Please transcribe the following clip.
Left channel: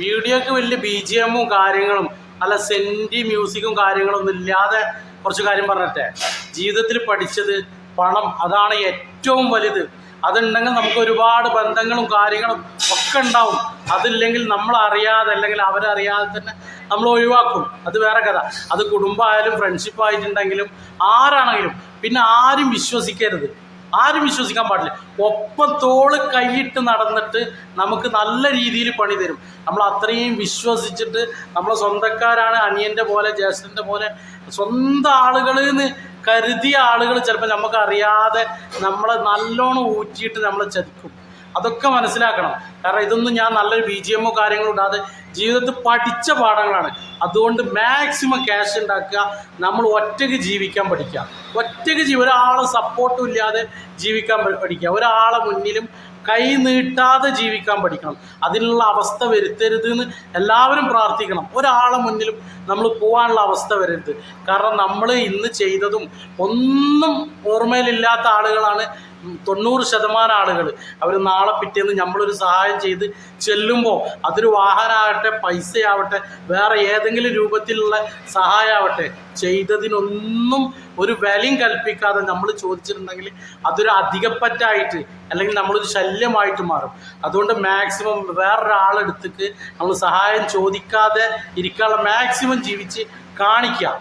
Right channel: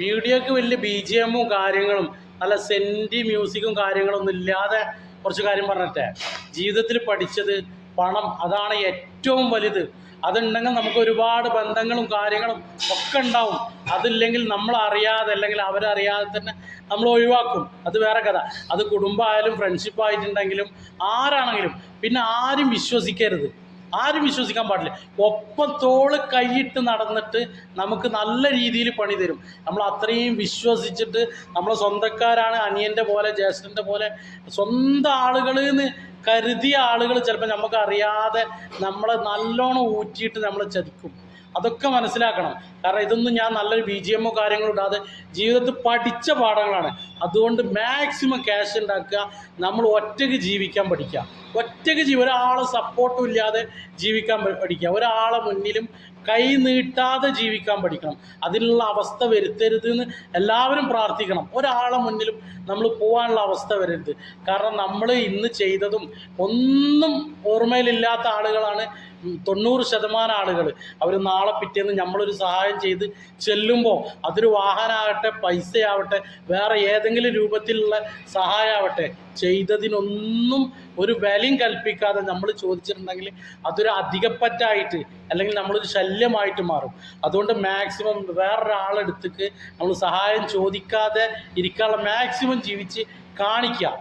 വീഡിയോക്ക് വലിയ BGM-ഉം കാര്യങ്ങളും നല്ല സെൻറ്റി മ്യൂസിക്കും കാര്യങ്ങളൊന്നും ഇല്ലാതെ കുറച്ച് കാര്യം പറഞ്ഞിട്ടെ. ജീവിതത്തിൽ പഠിച്ചത് പണം, അതാണ് ഏറ്റവും വലുത്. അതുണ്ടെങ്കിൽ നമുക്ക് ഒരുപാട് ബന്ധങ്ങളും കാര്യങ്ങളും ഒക്കെ ഉണ്ടാവും. അതില്ലെങ്കിൽ നമ്മളറിയാതെ അല്ലെങ്കിൽ അവരറിയാതെ തന്നെ നമ്മൾ ഒഴിവാക്കും. അത് വേറെ കഥ. അത് കുടുംബമായാലും ഫ്രണ്ട്ഷിപ്പ് ആയിട്ടുണ്ടെങ്കിലും ആരാണെങ്കിലും. പിന്നെ ആരും വിശ്വസിക്കരുത്, ആരും വിശ്വസിക്കാൻ പാടില്ല. ഒപ്പം തോള് കൈയിട്ട് നടന്നിട്ട് നമുക്ക് നല്ല രീതിയിൽ പണി തരും. നമ്മൾ അത്രയും വിശ്വസിച്ചിട്ട് നമ്മളെ സ്വന്തക്കാരാണ്, അനിയൻ്റെ പോലെ ജ്യേഷ്ഠൻ്റെ പോലെ സ്വന്തം ആളുകളിൽ നിന്ന് കരുതിയ ആളുകൾ ചിലപ്പോൾ നമുക്ക് അറിയാതെ നമ്മളെ നല്ലോണം ഊറ്റിയിട്ട് നമ്മളെ ചതിക്കും. അതൊക്കെ മനസ്സിലാക്കണം. കാരണം ഇതൊന്നും ഞാൻ നല്ലൊരു BGM-ഓ കാര്യങ്ങളോ ഇടാതെ ജീവിതത്തിൽ പഠിച്ച പാഠങ്ങളാണ്. അതുകൊണ്ട് മാക്സിമം ക്യാഷ് ഉണ്ടാക്കുക, നമ്മൾ ഒറ്റയ്ക്ക് ജീവിക്കാൻ പഠിക്കുക. ഒറ്റയ്ക്ക് ഒരാളെ സപ്പോർട്ടും ഇല്ലാതെ ജീവിക്കാൻ പഠിക്കുക. ഒരാളെ മുന്നിലും കൈ നീട്ടാതെ ജീവിക്കാൻ പഠിക്കണം. അതിനുള്ള അവസ്ഥ വരുത്തരുത് എന്ന് എല്ലാവരും പ്രാർത്ഥിക്കണം. ഒരാളെ മുന്നിലും നമ്മൾ പോകാനുള്ള അവസ്ഥ വരരുത്. കാരണം നമ്മൾ ഇന്ന് ചെയ്തതും ഒന്നും ഓർമ്മയിലില്ലാത്ത ആളുകളാണ് 90% ആളുകൾ. അവർ നാളെ പിറ്റേന്ന് നമ്മളൊരു സഹായം ചെയ്ത് ചെല്ലുമ്പോൾ അതൊരു വാഹനമാകട്ടെ, പൈസയാവട്ടെ, വേറെ ഏതെങ്കിലും രൂപത്തിലുള്ള സഹായമാവട്ടെ, ചെയ്തതിനൊന്നും ഒരു വിലയും കൽപ്പിക്കാതെ നമ്മൾ ചോദിച്ചിട്ടുണ്ടെങ്കിൽ അതൊരു അധികപ്പറ്റായിട്ട് അല്ലെങ്കിൽ നമ്മളൊരു ശല്യമായിട്ട് മാറും. അതുകൊണ്ട് മാക്സിമം വേറൊരാളെടുത്തേക്ക് നമ്മൾ സഹായം ചോദിക്കാതെ ഇരിക്കാനുള്ള മാക്സിമം ജീവിച്ച് കാണിക്കുക.